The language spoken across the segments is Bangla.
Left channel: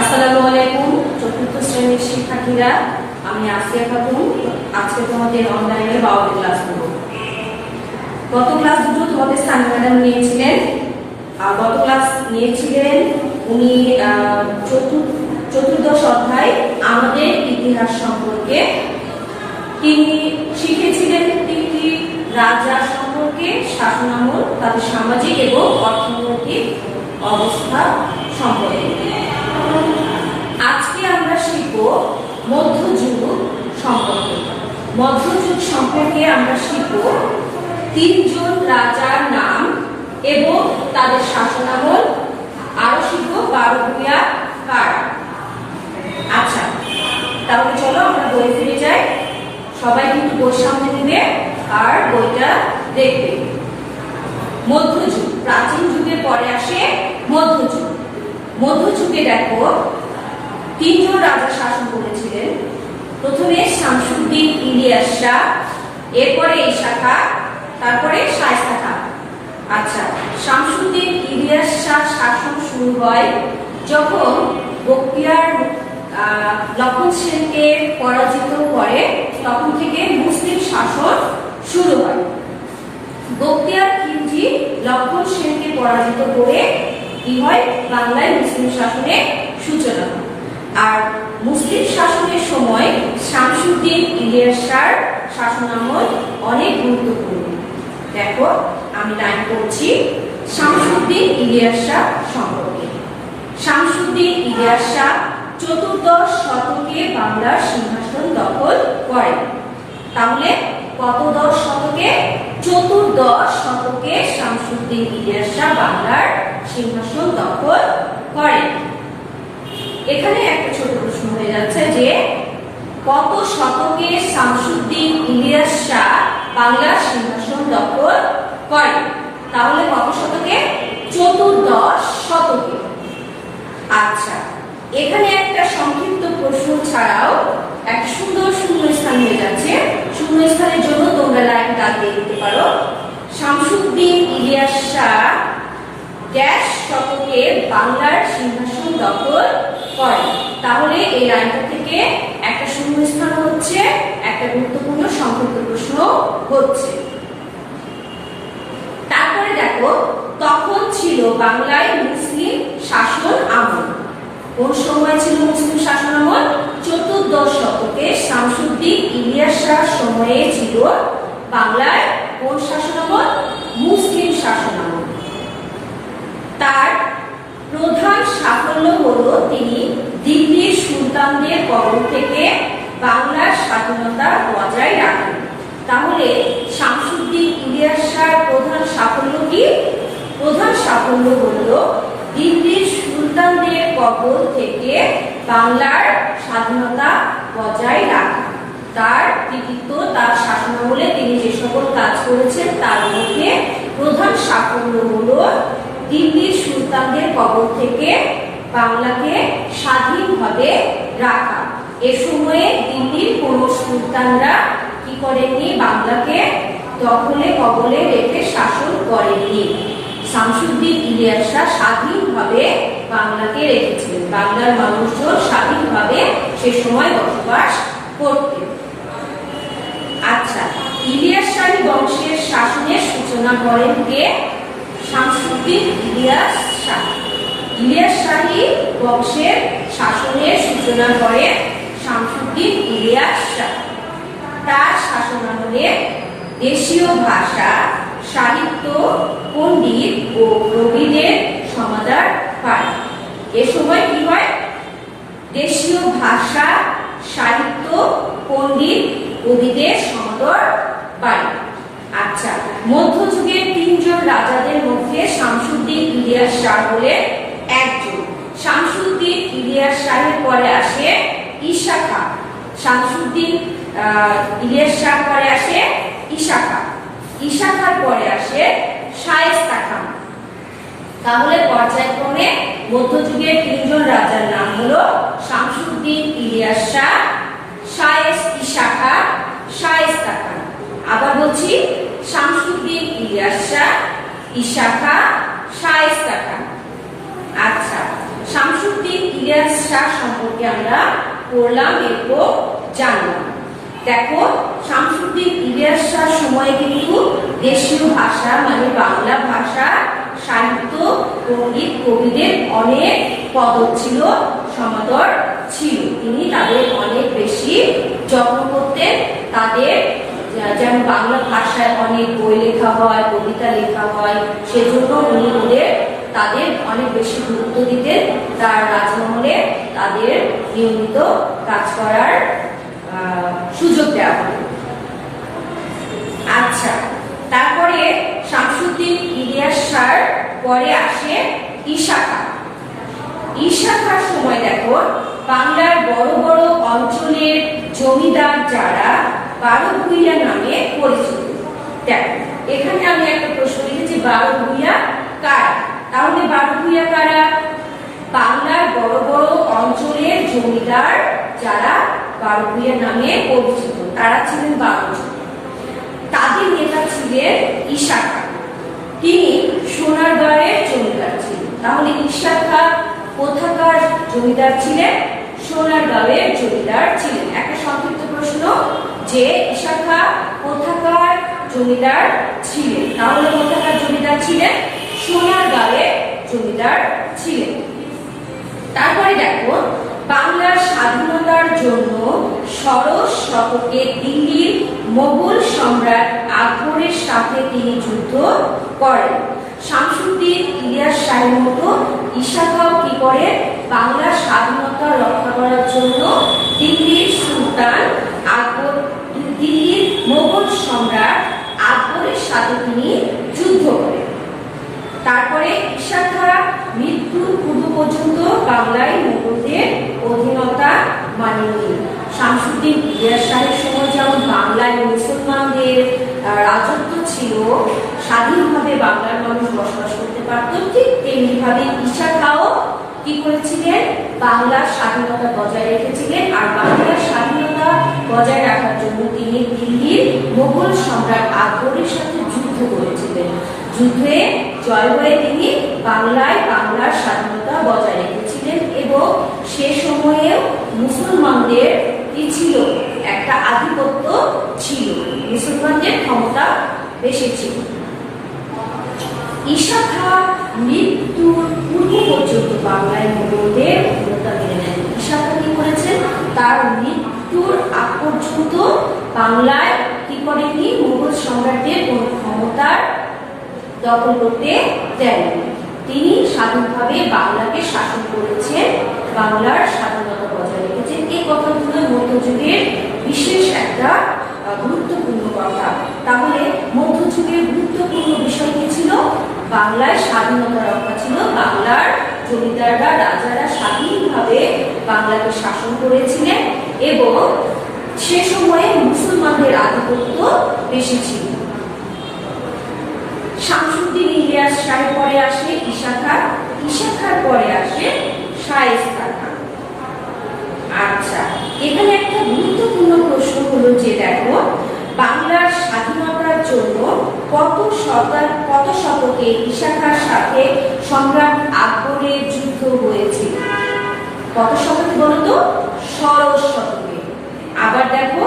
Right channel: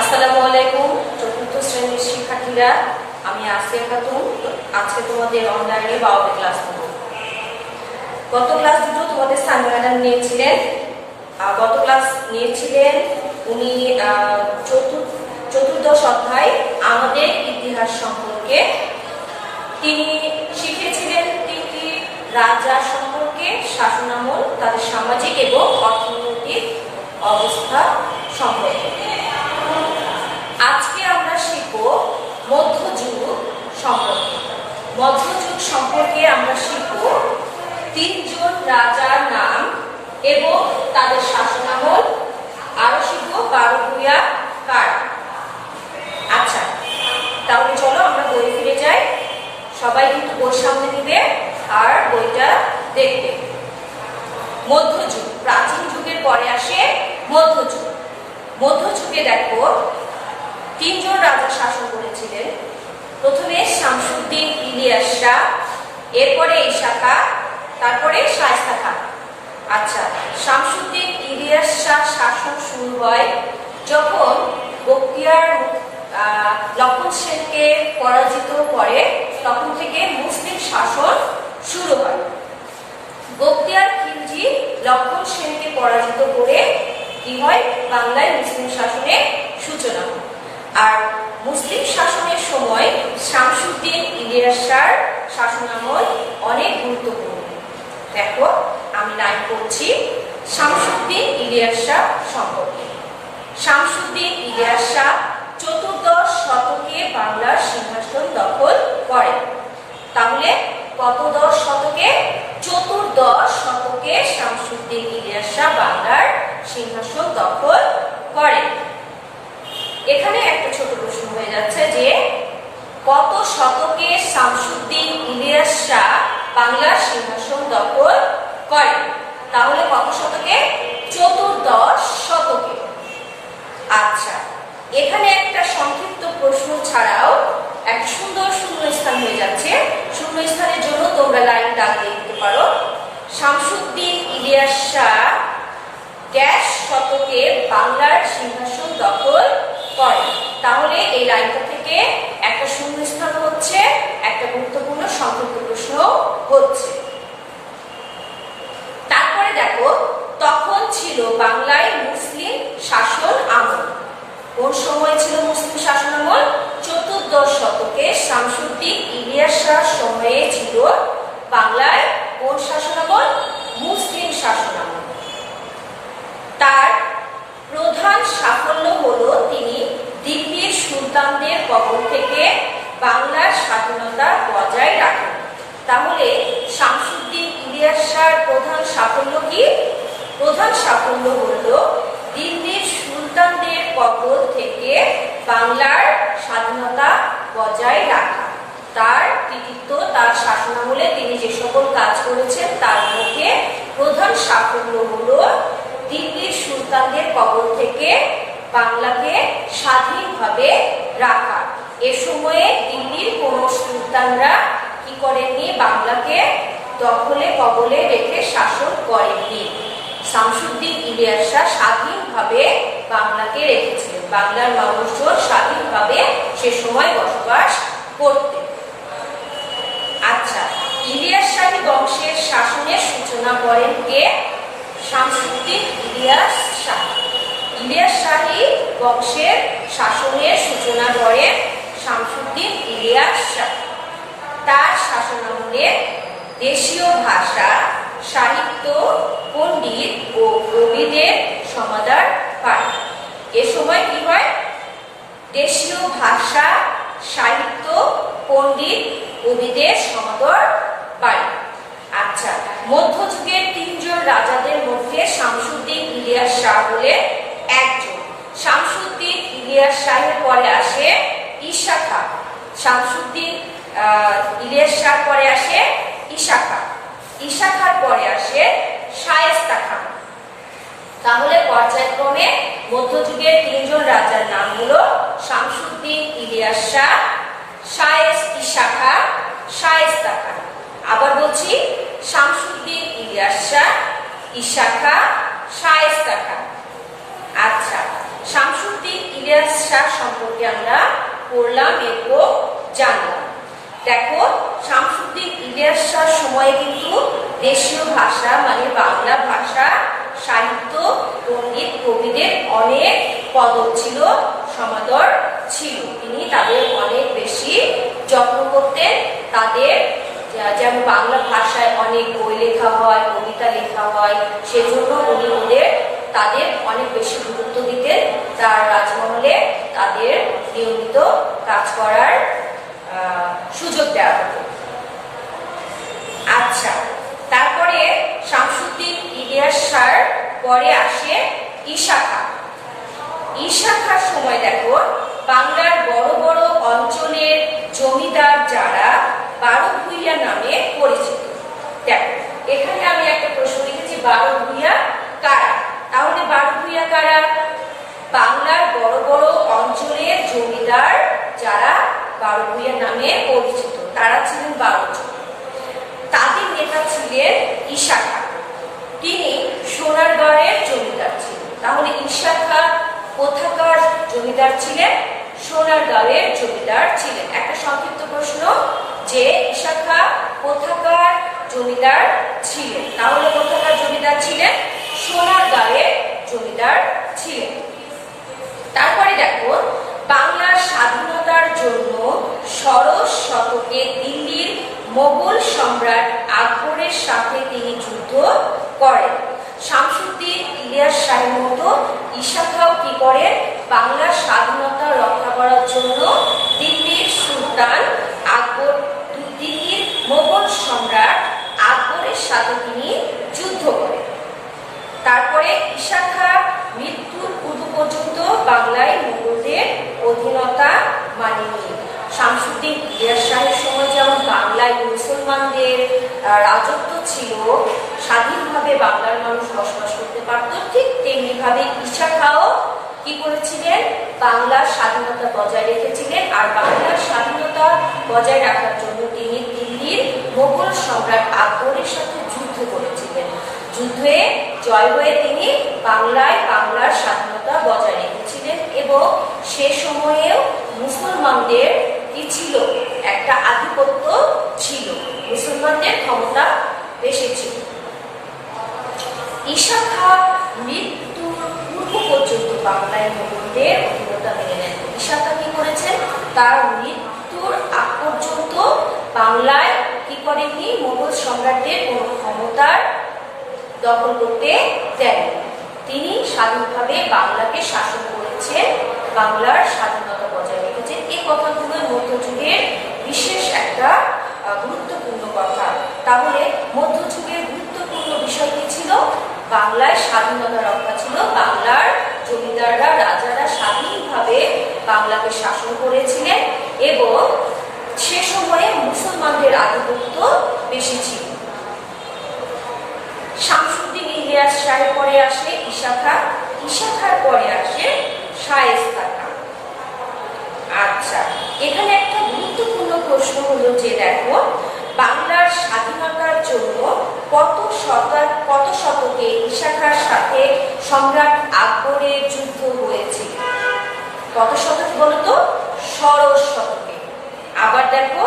আসসালামু আলাইকুম চতুর্থ শ্রেণীর শিক্ষার্থীরা, আমি আসিয়া খাতুন। আজকে তোমাদের অনলাইনে বাংলা ক্লাস করব। গত ক্লাস দুটো তোমাদের সানভি ম্যাডাম নিয়েছিলেন। গত ক্লাস নিয়েছিলেন উনি চতুর্দশ অধ্যায় আমাদের ইতিহাস সম্পর্কে। তিনি শিখেছিলেন তিনটি রাজা সম্পর্কে, শাসনামল, তাদের সামাজিক এবং অর্থনৈতিক অবস্থা সম্পর্কে। আজকে আমরা শিখব মধ্যযুগ সম্পর্কে। মধ্যযুগ সম্পর্কে আমরা শিখব তিনজন রাজার নাম এবং তাদের শাসনামল। আরো শিখব 12 ভূঁইয়া কার। আচ্ছা, তাহলে চলো আমরা বই ফিরে যাই। সবাই কিন্তু বই সামনে নিবে আর বইটা দেখবে। মধ্যযুগ, প্রাচীন যুগের পরে আসে মধ্যযুগ। মধ্যযুগে দেখো তিনজন রাজা শাসন করেছিলেন। প্রথমে শামসুদ্দিন ইলিয়াস শাহ, এরপরে ঈসা খাঁ, তারপরে শায়েস্তা খাঁ। আচ্ছা, শামসুদ্দিন ইলিয়াস শাহ শাসন শুরু হয় যখন বখতিয়ার লক্ষণ সেনকে পরাজিত করে, তখন থেকে মুসলিম শাসন শুরু হয়। বখতিয়ার খিলজি লক্ষণ সেনকে পরাজিত করে কি হয়, বাংলায় মুসলিম শাসনের সূচনা হয়। আর মুসলিম শাসনের সময় শামসুদ্দিন ইলিয়াস শাহর শাসনামল অনেক গুরুত্বপূর্ণ। দেখো আমি লাইন করছি শামসুদ্দিন ইলিয়াস শাহ সম্পর্কে। শামসুদ্দিন ইলিয়াস শাহ চতুর্দশ শতকে বাংলার সিংহাসন দখল করে। তাহলে কত দশ শতকে? চতুর্দশ শতকে শামসুদ্দিন ইলিয়াস শাহ বাংলার সিংহাসন দখল করে। এখানে একটা ছোট প্রশ্ন হয়ে যাচ্ছে যে কত শতকে শামসুদ্দিন ইলিয়াস শাহ বাংলার সিংহাসন দখল করে? তাহলে কত শতকে? চতুর্দশ শতকে। আচ্ছা, এখানে একটা সংক্ষিপ্ত প্রশ্ন ছাড়াও একটা সুন্দর শূন্যস্থান হয়ে যাচ্ছে। শূন্যস্থানের জন্য তোমরা লাইন দাগ দিয়ে দিতে পারো। শামসুদ্দিন ইলিয়াস শাহ ড্যাশ শতকে বাংলার সিংহাসন দখল করে। তাহলে এই লাইনটা থেকে একটা শূন্যস্থান হচ্ছে, একটা গুরুত্বপূর্ণ সংক্ষিপ্ত প্রশ্ন হচ্ছে। তারপরে দেখো তখন ছিল বাংলায় মুসলিম শাসন আমল। কোন সময় ছিল মুসলিম শাসন আমল? চতুর্দশ শতকে শামসুদ্দিন ইলিয়াস শাহ সময়ে ছিল বাংলায় কোন শাসন আমল? মুসলিম শাসন আমল। তার প্রধান সাফল্য হলো তিনি দিল্লির সুলতানদের কবল থেকে বাংলার স্বাধীনতা বজায় রাখেন। তাহলে শামসুদ্দিন ইলিয়াস শাহর প্রধান সাফল্য কি? প্রধান সাফল্য হলো দিল্লির সুলতানদের কবল থেকে বাংলার স্বাধীনতা বজায় রাখা। তার কৃতিত্ব, তার শাসনামলে তিনি যে সকল কাজ করেছেন তার মধ্যে প্রধান সাফল্য হলো দিল্লির সুলতানদের কবল থেকে বাংলাকে স্বাধীনভাবে রাখা। এ সময়ে দিল্লির কোন সুলতানরা কি করেননি? বাংলাকে দখলে কবলে রেখে শাসন করেননি। শামসুদ্দিন ইলিয়াস শাহ স্বাধীনভাবে বাংলাকে রেখেছিলেন। বাংলার মানুষজন স্বাধীনভাবে সে সময় বসবাস করতেন। আচ্ছা, ইলিয়াস শাহী বংশের শাসনের সূচনা করেন কে? শামসুদ্দিন ইলিয়াস শাহ। ইলিয়াস শাহী বংশের শাসনের সূচনা করেন শামসুদ্দিন ইলিয়াস শাহ। তার শাসনামলে দেশীয় ভাষা, সাহিত্য, পণ্ডিত ও কবিদের সমাদর পায়। এ সময় কি হয়? দেশীয় ভাষা, সাহিত্য, পণ্ডিত, কবিদের সমাদর পায়। আচ্ছা, মধ্যযুগের তিনজন রাজাদের মধ্যে শামসুদ্দিন ইলিয়াস শাহ হলেন একজন। শামসুদ্দিন ইলিয়াস শাহের পরে আসে ঈসা খাঁ। শামসুদ্দিন ইলিয়াস শাহ পরে আসে ঈসা খাঁ। ঈসা খাঁর পরে আসে শায়েস্তা খাঁ। তাহলে পর্যায়ক্রমে মধ্যযুগের তিনজন রাজার নাম হলো শামসুদ্দিন ইলিয়াস শাহ, ঈসা খাঁ, শায়েস্তা খাঁ। আবার বলছি, শামসুদ্দিন ইলিয়াস শাহ, ঈসা খাঁ, শায়েস্তা খাঁ। আচ্ছা, শামসুদ্দিন ইলিয়াস শাহ সম্পর্কে আমরা পড়লাম এবং জানলাম। দেখো, শামসুদ্দিন ইলিয়াস শাহ সময়ে কিন্তু দেশীয় ভাষা মানে বাংলা ভাষা, সাহিত্য, সঙ্গীত, কবিদের অনেক কদর ছিল, সমাদর ছিল। তিনি তাদের অনেক বেশি যত্ন করতেন। তাদের যেমন বাংলা ভাষায় অনেক বই লেখা হয়, কবিতা লেখা হয়, সেজন্য উনি তাদের অনেক বেশি গুরুত্ব দিতেন। তার রাজমহলে তাদের নিয়মিত কাজ করার সুযোগ দেওয়া হতো। আচ্ছা, তারপরে শামসুদ্দিন ইলিয়াস শাহ পরে আসে ঈশা খাঁ। ঈশা খাঁর সময় দেখো, বাংলার বড় বড় অঞ্চলের জমিদার যারা বারো ভূঁইয়া নামে পরিচিত। দেখো, এখানে আমি একটা প্রশ্ন লিখেছি, বারো ভূঁইয়া কারা? তাহলে বারো ভূঁইয়া কারা? বাংলার বড় বড় অঞ্চলের জমিদার যারা বারো ভূঁইয়া নামে পরিচিত, তারা ছিলেন 12 জন। তাদের নেতা ছিলেন ঈশা খাঁ। তিনি সোনারগাঁয়ের জমিদার ছিলেন। তাহলে ঈশা খাঁ কোথাকার জমিদার ছিলেন? সোনারগাঁয়ের জমিদার ছিলেন। একটা সংক্ষিপ্ত প্রশ্ন যে ঈশা খাঁ কোথাকার জমিদার ছিলেন? তাহলে কোথাকার জমিদার ছিলেন? সোনারগাঁয়ের জমিদার ছিলেন। তারপরে দেখো, বাংলার স্বাধীনতার জন্য ষোড়শ শতকে দিল্লির মোগল সম্রাট আকবরের সাথে তিনি যুদ্ধ করেন। শামসুদ্দিন ইলিয়াস শাহের মতো ঈশা খাঁ কি করেন? বাংলার স্বাধীনতা রক্ষা করার জন্য দিল্লির সুলতান আকবর, দিল্লির মোগল সম্রাট আকবরের সাথে তিনি যুদ্ধ করেন। তারপরে ঈশা খাঁ মৃত্যুর পূর্ব পর্যন্ত বাংলায় মোগলদের অধীনতা মানেনি। শামসুদ্দিন ইলিয়াস শাহের সময় যেমন বাংলায় মুসলমানদের রাজত্ব ছিল, স্বাধীনভাবে বাংলার মানুষ বসবাস করতে পারত, ঠিক তেমনি ভাবে ঈশা খাঁও কি করেছিলেন? বাংলার স্বাধীনতা বজায় রেখেছিলেন। আর বাংলার স্বাধীনতা বজায় রাখার জন্য তিনি দিল্লির মোগল সম্রাট আকবরের সাথে যুদ্ধ করেছিলেন। যুদ্ধে জয় হয়ে তিনি বাংলার স্বাধীনতা বজায় রেখেছিলেন এবং সে সময়েও মুসলমানদের কি ছিল? একটা আধিপত্য ছিল, মুসলমানদের ক্ষমতা বেশি ছিল। ঈশা খাঁ মৃত্যুর পূর্ব পর্যন্ত বাংলায় মোগলদের অধীনতা মেনে নেন। ঈশা খাঁ কি করেছেন? তার মৃত্যুর আগ পর্যন্ত বাংলায় কি করেননি? মোগল সম্রাটদের কোন ক্ষমতার দখল করতে দেননি। তিনি স্বাধীনভাবে বাংলাকে শাসন করেছেন, বাংলার স্বাধীনতা বজায় রেখেছেন। এই কথাগুলো মধ্যযুগের বিশেষ একটা গুরুত্বপূর্ণ কথা। তাহলে মধ্যযুগের গুরুত্বপূর্ণ বিষয় কি ছিল? বাংলায় স্বাধীনতা রক্ষা ছিল। বাংলার জমিদাররা, রাজারা স্বাধীনভাবে বাংলাকে শাসন করেছিলেন এবং সে সময়ে মুসলমানদের আধিপত্য বেশি ছিল। শামসুদ্দিন ইলিয়াস শাহের পরে আসে ঈশা খাঁ। ঈশা খাঁর পরে আসে শায়েস্তা খাঁ। আচ্ছা, এখানে একটা গুরুত্বপূর্ণ প্রশ্ন হলো যে দেখো, বাংলার স্বাধীনতার জন্য কত শতকে ঈশা খাঁর সাথে সম্রাট আকবরের যুদ্ধ হয়েছিল? কত শতকে বলো তো? ষোড়শ শতকে। আবার দেখো,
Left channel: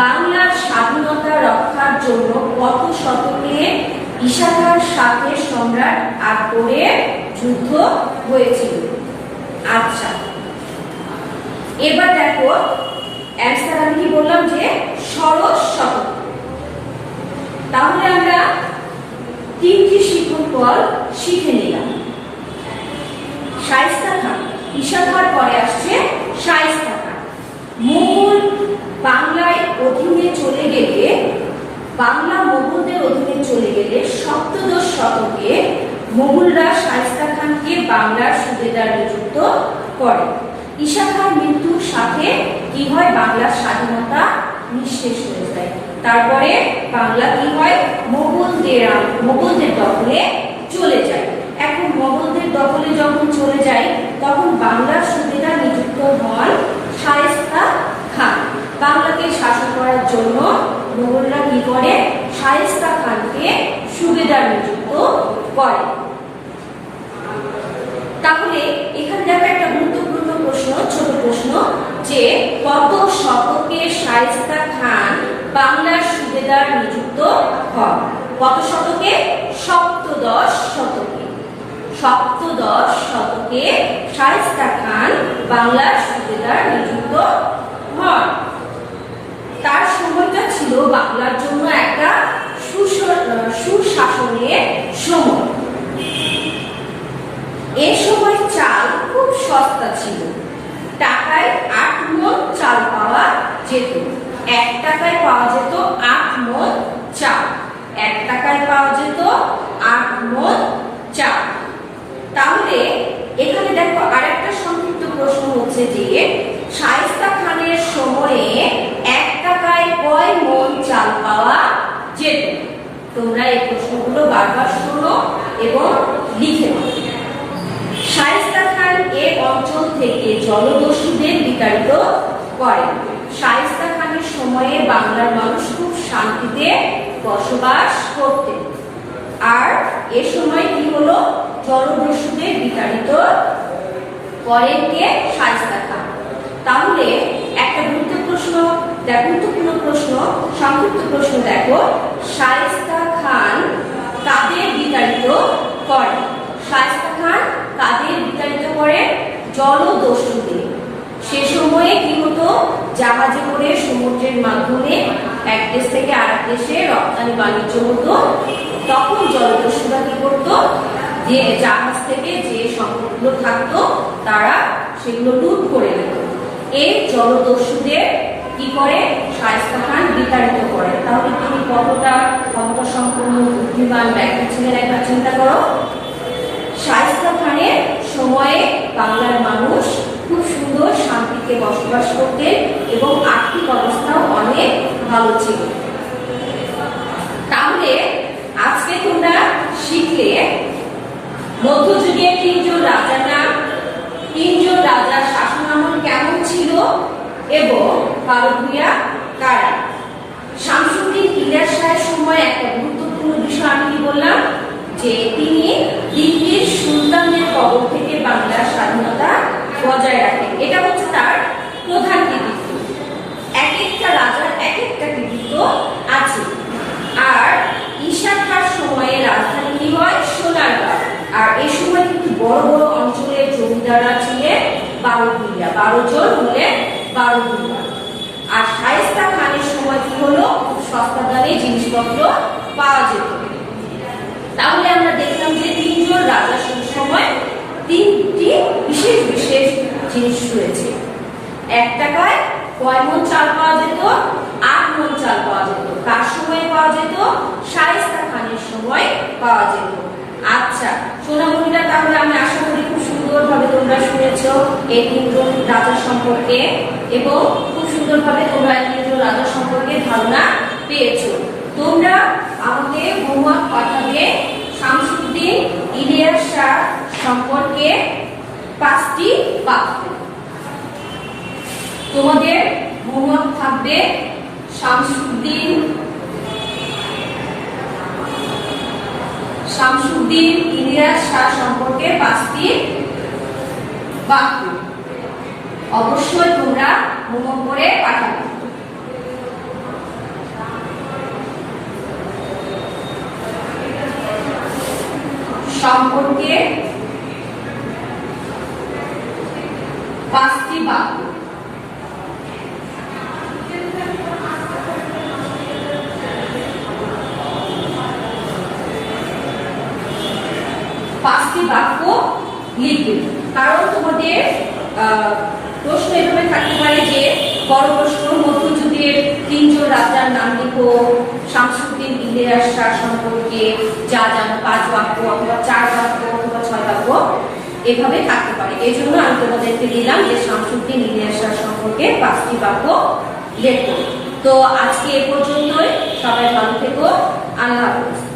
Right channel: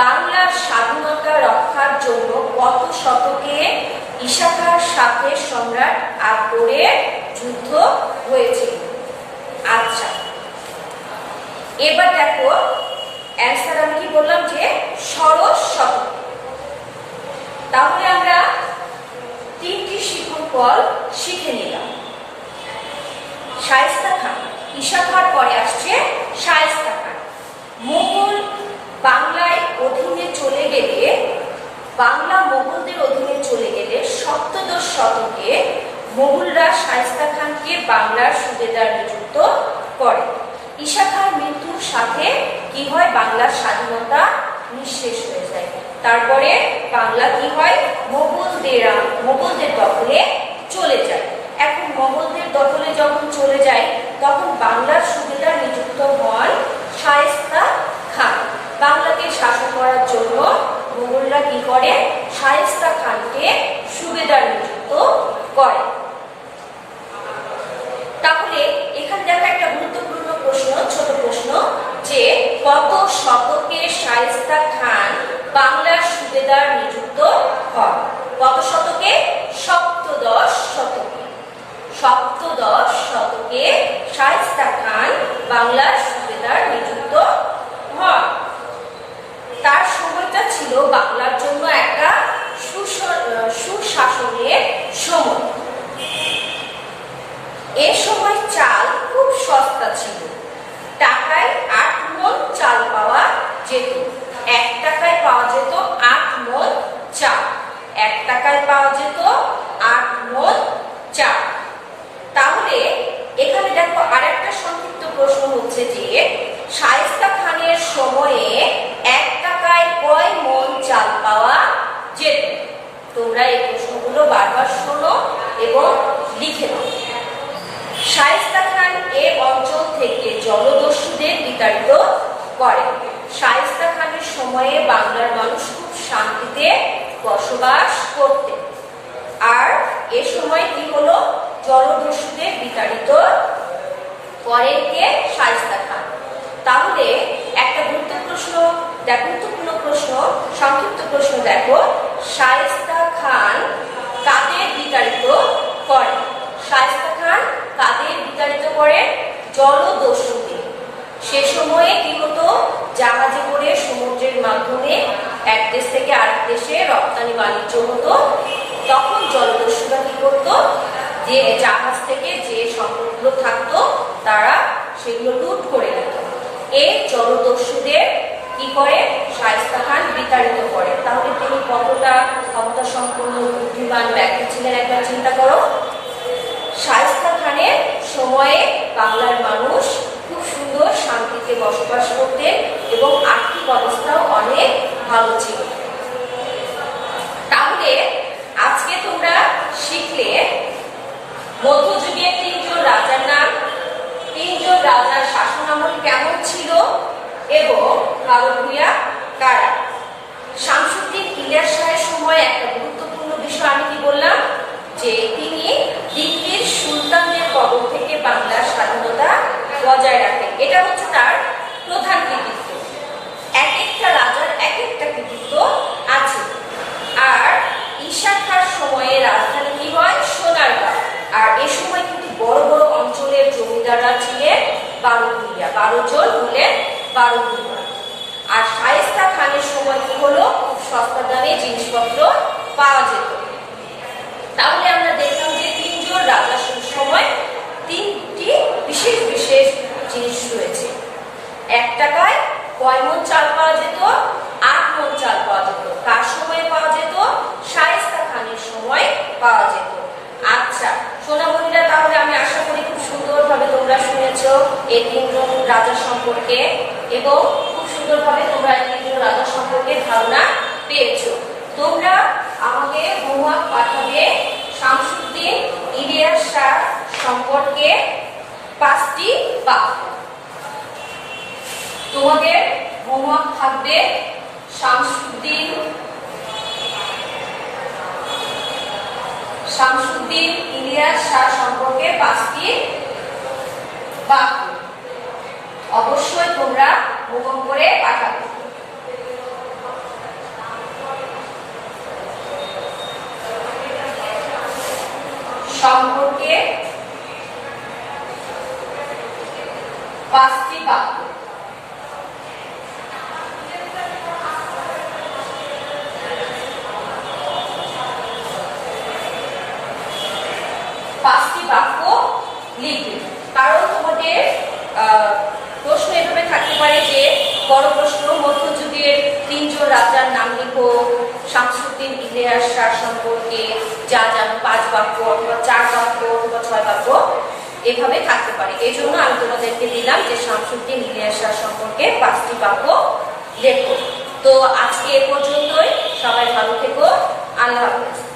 বাংলার স্বাধীনতা রক্ষার জন্য কত শতকে ঈশা খাঁর সাথে সম্রাট আকবরের যুদ্ধ হয়েছিল? আচ্ছা, এবার দেখো অ্যান্সার আমি কি বললাম যে ষোড়শ শতক। তাহলে আমরা 3টি শিক্ষণ ফল শিখে নিলাম। শায়েস্তা খাঁ, ঈশা খাঁর পরে আসছে শায়েস্তা খাঁ। মোগল বাংলায় অধীনে চলে গেলে, বাংলা মোগলদের অধীনে চলে গেলে সপ্তদশ শতকে মোগলরা শায়েস্তা খানকে বাংলার সুবেদার নিযুক্ত করে। ঈশা খাঁর মৃত্যুর সাথে কি হয়? বাংলার স্বাধীনতা নিঃশেষ হয়ে যায়। তারপরে বাংলা কি হয়? মোগলদের দখলে চলে যায়। এখন মোগলদের দখলে যখন চলে যায় তখন বাংলার সুবেদার নিযুক্ত হন শায়েস্তা খান। বাংলাকে শাসন করার জন্য মোগলরা কি করে? শায়েস্তা খানকে সুবেদার নিযুক্ত করে। তাহলে এখানে দেখো একটা গুরুত্বপূর্ণ প্রশ্ন, ছোট প্রশ্ন, যে কত শতকে শায়েস্তা খান বাংলার সুবেদার নিযুক্ত হন? কত শতকে? সপ্তদশ শতকে। সপ্তদশ শতকে শায়েস্তা খান বাংলার সুবেদার নিযুক্ত হন। তার সময়টা ছিল বাংলার জন্য একটা সুশাসনের সময়। এ সময় চাল খুব সস্তা ছিল। টাকায় 8 মণ চাল পাওয়া যেত। 1 টাকায় পাওয়া যেত 8 মণ চাল। 1 টাকায় পাওয়া যেত 8 মণ চাল। তাহলে এখানে দেখো আরেকটা সংক্ষিপ্ত প্রশ্ন হচ্ছে যে শায়েস্তা খানের সময়ে 1 টাকায় কয় মণ চাল পাওয়া যেত? তোমরা এই প্রশ্নগুলো বারবার শোনো এবং লিখে নাও। শায়েস্তা খান এ অঞ্চল থেকে জলদস্যুদের বিতাড়িত করেন। শায়েস্তা খানের সময়ে বাংলার মানুষ খুব শান্তিতে বসবাস করতেন। আর এ সময় কি হলো? জলদস্যুদের বিতাড়িত করেন কে? শায়েস্তা খান। তাহলে একটা গুরুত্বপূর্ণ প্রশ্ন, সংক্ষিপ্ত প্রশ্ন দেখো, শায়েস্তা খান কাদের বিতাড়িত করেন? শায়েস্তা খান কাদের বিতাড়িত করেন? জলদস্যুদের। সে সময়ে কি হতো? জাহাজে করে সমুদ্রের মাধ্যমে এক দেশ থেকে আরেক দেশে রপ্তানি বাণিজ্য হতো। তখন জলদস্যুরা কি করতো? যে জাহাজ থেকে যে সম্পদগুলো থাকতো তারা সেগুলো লুট করে নিত। এই জলদস্যুদের কি করে? শায়েস্তা খান বিতাড়িত করে। তাহলে তিনি কতটা ক্ষমতা সম্পন্ন বুদ্ধিমান ব্যক্তি ছিলেন একবার চিন্তা করো। শায়েস্তা খানের সময়ে বাংলার মানুষ খুব সুন্দর শান্তিতে বসবাস করতেন এবং আর্থিক অবস্থাও অনেক ভালো ছিল। তাহলে আজকে তোমরা শিখলে মধ্যযুগের 3 জন রাজার নাম, 3 জন রাজার শাসনামল কেমন ছিল এবং কালো ভূঁইয়া কারা। শামসুদ্দিন ইলিয়াস শাহের সময় একটা গুরুত্বপূর্ণ বিষয় আমি কি বললাম? যে তিনি দিল্লির সুলতানদের কবল থেকে বাংলার স্বাধীনতা বজায় রাখেন। এটা হচ্ছে তার প্রধান কৃতিত্ব। এক একটা রাজার এক একটা কৃতিত্ব আছে। আর ঈশা খাঁর সময়ে রাজধানী কি হয়? সোনারগাঁও। আর এ সময় কিন্তু বড় বড় অঞ্চলের জমিদাররা ছিলেন 12 ভূঁইয়া। 12 জন হলেন 12 ভূঁইয়া। আর শায়েস্তা খানের সময় কি হলো? খুব সস্তা দামে জিনিসপত্র পাওয়া যেত। তাহলে আমরা দেখলাম যে 3 জন রাজার সময় 3টি বিশেষ বিশেষ জিনিস রয়েছে। 1 টাকায় কয় মণ চাল পাওয়া যেত? 8 মণ চাল পাওয়া যেত। কার সময় পাওয়া যেত? শায়েস্তা খানের সময় পাওয়া যেত। আচ্ছা সোনামণিরা, তাহলে আমি আশা করি খুব সুন্দরভাবে তোমরা শুনেছো এই 3 জন রাজা সম্পর্কে এবং খুব সুন্দরভাবে তোমরা এই 3 জন রাজা সম্পর্কে ধারণা পেয়েছো। তোমরা আমাকে হোমওয়ার্ক পাঠাবে শামসুদ্দিন ইলিয়াস শাহ সম্পর্কে 5টি বাক্য। তোমাদের হোমওয়ার্ক থাকবে শামসুদ্দিন ইলিয়াস শাহ সম্পর্কে 5টি বাক্য। অবশ্যই তোমরা হোমওয়ার্ক করে পাঠাবে। সম্পর্কে 5টি বাক্য। বাক্য লিখবে। কারণ তোমাদের প্রশ্ন এভাবে থাকতে পারে যে বড় প্রশ্ন, মধ্যযুগের 3 জন রাজার নাম লিখো, শামসুদ্দিন ইলিয়াস শাহ সম্পর্কে যা জানো 5 বাক্য অথবা 4 বাক্য অথবা 6 বাক্য এভাবে থাকতে পারে। এই জন্য আমি তোমাদেরকে দিলাম যে শামসুদ্দিন ইলিয়াস শাহ সম্পর্কে 5টি বাক্য লেখো। তো আজকে এ পর্যন্তই। সবাই ভালো থেকো। আল্লাহ হাফেজ।